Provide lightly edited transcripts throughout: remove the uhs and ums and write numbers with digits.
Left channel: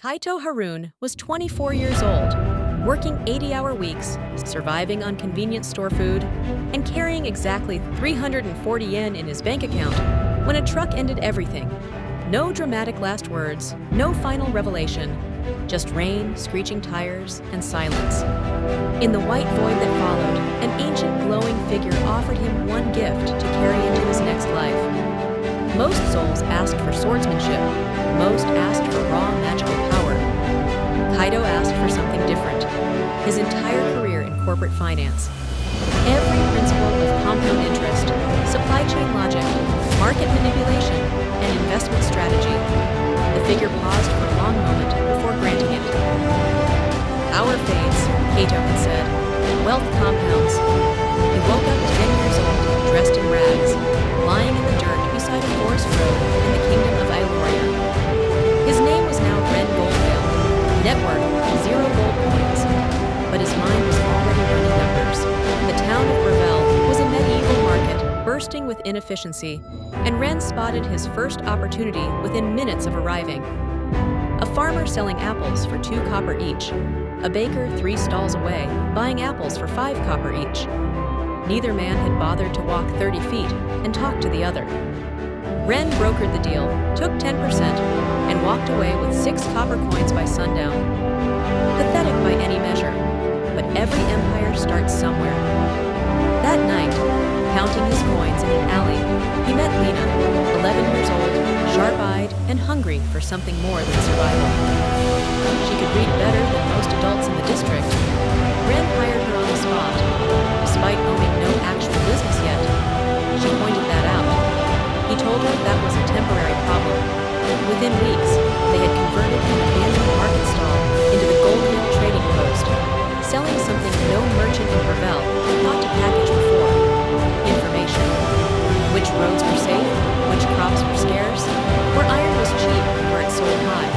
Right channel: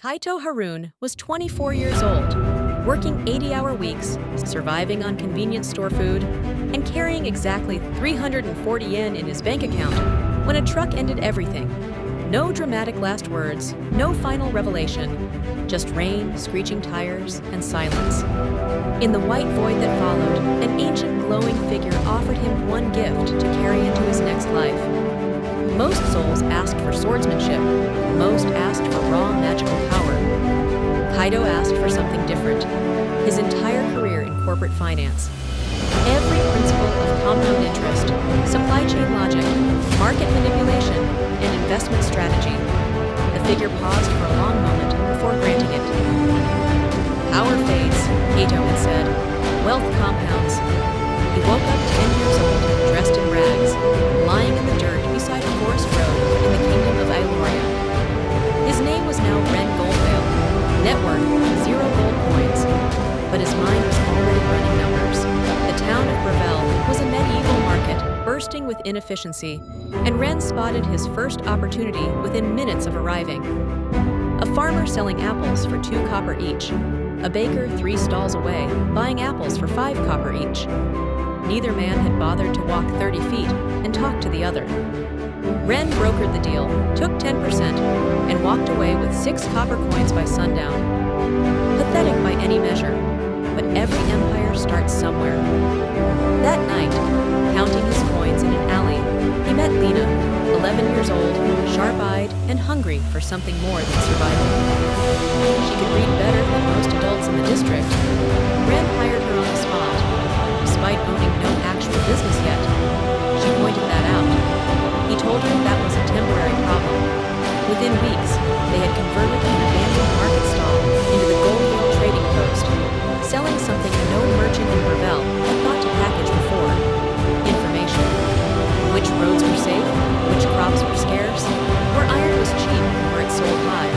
Kaito Harun was 24 years old, working 80-hour weeks, surviving on convenience store food, and carrying exactly 340 yen in his bank account when a truck ended everything. No dramatic last words, no final revelation, just rain, screeching tires, and silence. In the white void that followed, an ancient glowing figure offered him one gift to carry into his next life. Most souls asked for swordsmanship, most asked for raw magical power. Kaido asked for something different. His entire career in corporate finance. Every principle of compound interest, supply chain logic, market manipulation, and investment strategy. The figure paused for a long moment before granting it. Power fades, Kaito had said. Wealth compounds. He woke up 10 years old, dressed in rags, lying in the dirt beside a forest road in the kingdom of Ailoria. His name was now Ren Goldvale, net worth 0 gold coins, but his mind was already running numbers. The town of Gravel was a medieval market bursting with inefficiency, and Ren spotted his first opportunity within minutes of arriving. A farmer selling apples for 2 copper each, a baker 3 stalls away buying apples for 5 copper each. Neither man had bothered to walk 30 feet and talk to the other. Ren brokered the deal, took 10%, and walked away with 6 copper coins by sundown. Pathetic by any measure, but every empire starts somewhere. That night, counting his coins in an alley, he met Lena, 11 years old, sharp-eyed, and hungry for something more than survival. She could read better than most adults in the district. Ren hired her on the spot, despite owning no actual business yet. She pointed that out. He told her that was a temporary problem. Within weeks, they had converted an abandoned market stall into the Goldvale trading post, selling something no merchant in Gravel had thought to package before. Information. Which roads were safe, which crops were scarce, where iron was cheap and where it sold high.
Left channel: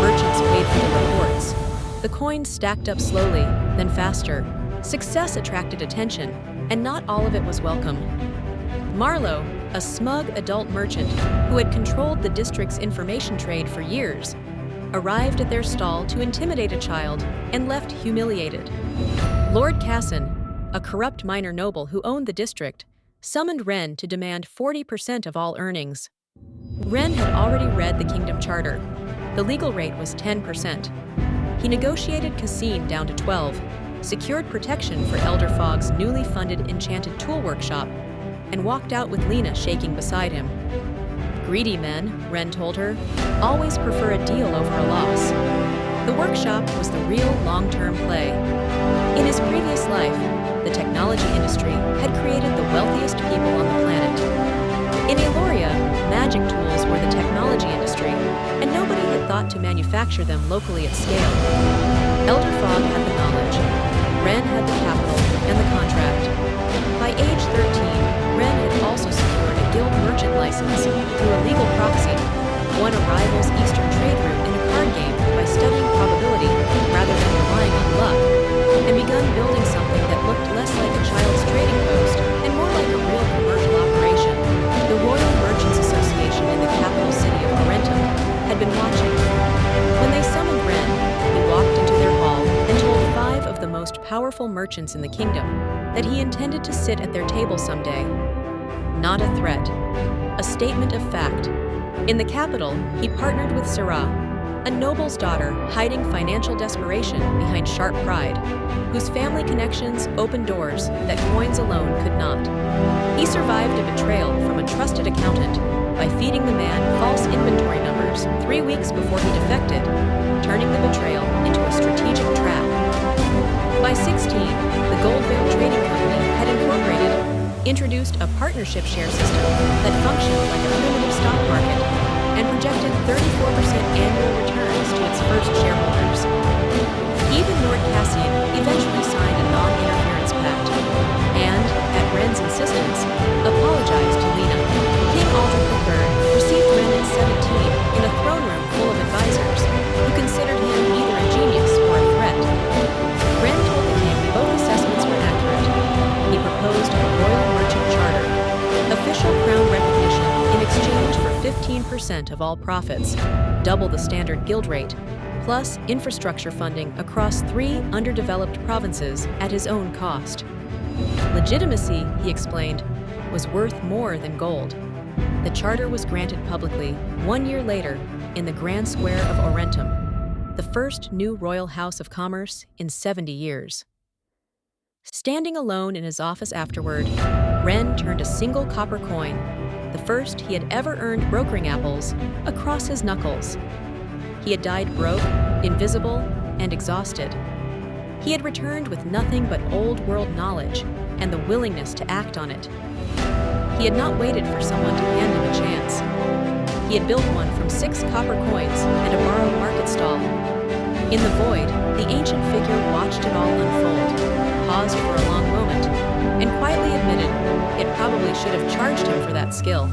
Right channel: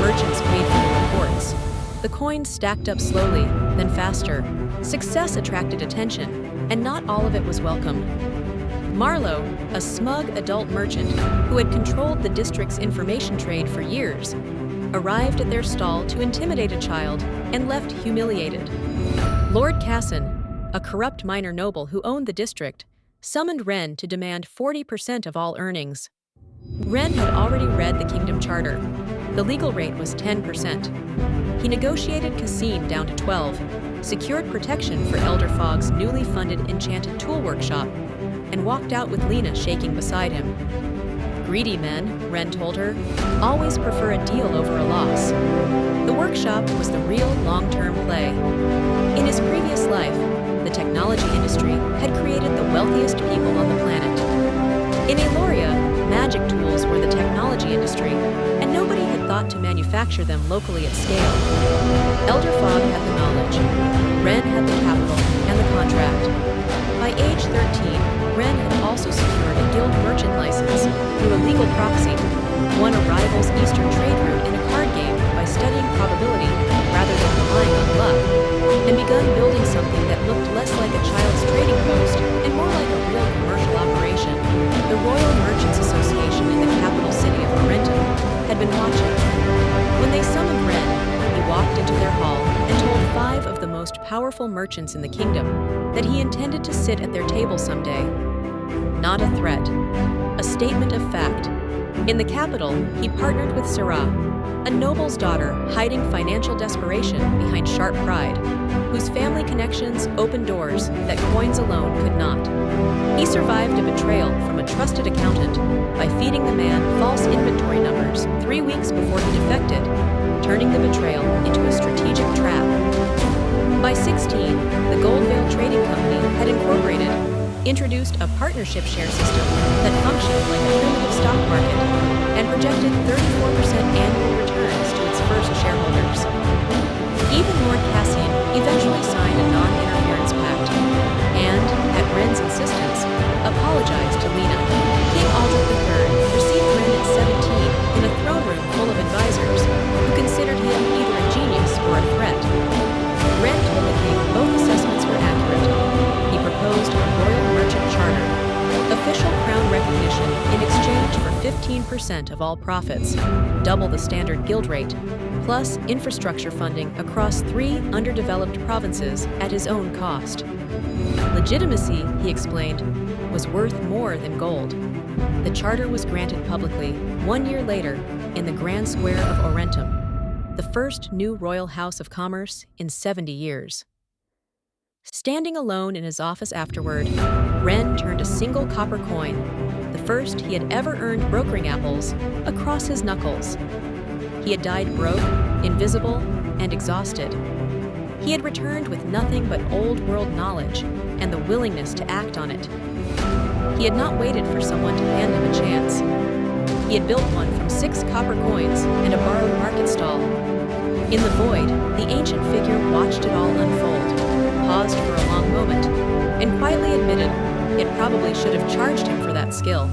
Merchants paid for the reports. The coins stacked up slowly, then faster. Success attracted attention, and not all of it was welcome. Marlowe, a smug adult merchant who had controlled the district's information trade for years, arrived at their stall to intimidate a child and left humiliated. Lord Casson, a corrupt minor noble who owned the district, summoned Ren to demand 40% of all earnings. Ren had already read the kingdom charter. The legal rate was 10%. He negotiated Cassine down to 12, secured protection for Elder Fogg's newly funded enchanted tool workshop, and walked out with Lena shaking beside him. Greedy men, Ren told her, always prefer a deal over a loss. The workshop was the real long-term play. In his previous life, the technology industry had created the wealthiest people on the planet. In Ailoria, magic tools were the technology industry, and nobody had thought to manufacture them locally at scale. Elder Fogg had the knowledge. Ren had the capital and the contract. By age 13, Ren had also secured a guild merchant license through a legal proxy, won a rival's eastern trade route in a card game by studying probability rather than relying on luck, and begun building something that looked less like a child's trading post and more like a real commercial operation. The Royal Merchants Association in the capital city of Arentum had been watching. When they summoned Ren, he walked into their hall and told 5 of the most powerful merchants in the kingdom that he intended to sit at their table someday. Not a threat, a statement of fact. In the capital, he partnered with Sarah, a noble's daughter hiding financial desperation behind sharp pride, whose family connections opened doors that coins alone could not. He survived a betrayal from a trusted accountant by feeding the man false inventory numbers 3 weeks before he defected, turning the betrayal into a strategic trap. By 16, the Goldvale Trading Company had incorporated, introduced a partnership share system that functioned like a primitive stock market and projected 34% annual returns to its first shareholders. Even Lord Cassian eventually signed a non-interference pact and, at Ren's insistence, apologized to Lena. King Aldrich III received Ren at 17 in a throne room full of advisors who considered him either a genius or a threat. Ren told the king both assessments were accurate. He proposed a royal merchant charter, Official crown recognition in exchange for 15% of all profits, double the standard guild rate, plus infrastructure funding across 3 underdeveloped provinces at his own cost. Legitimacy, he explained, was worth more than gold. The charter was granted publicly 1 year later in the Grand Square of Orentum, the first new royal house of commerce in 70 years. Standing alone in his office afterward, Ren turned a single copper coin, the first he had ever earned brokering apples, across his knuckles. He had died broke, invisible, and exhausted. He had returned with nothing but old-world knowledge and the willingness to act on it. He had not waited for someone to hand him a chance. He had built one from 6 copper coins and a borrowed market stall. In the void, the ancient figure watched it all unfold, paused for a long moment, and quietly admitted it probably should have charged him for that skill.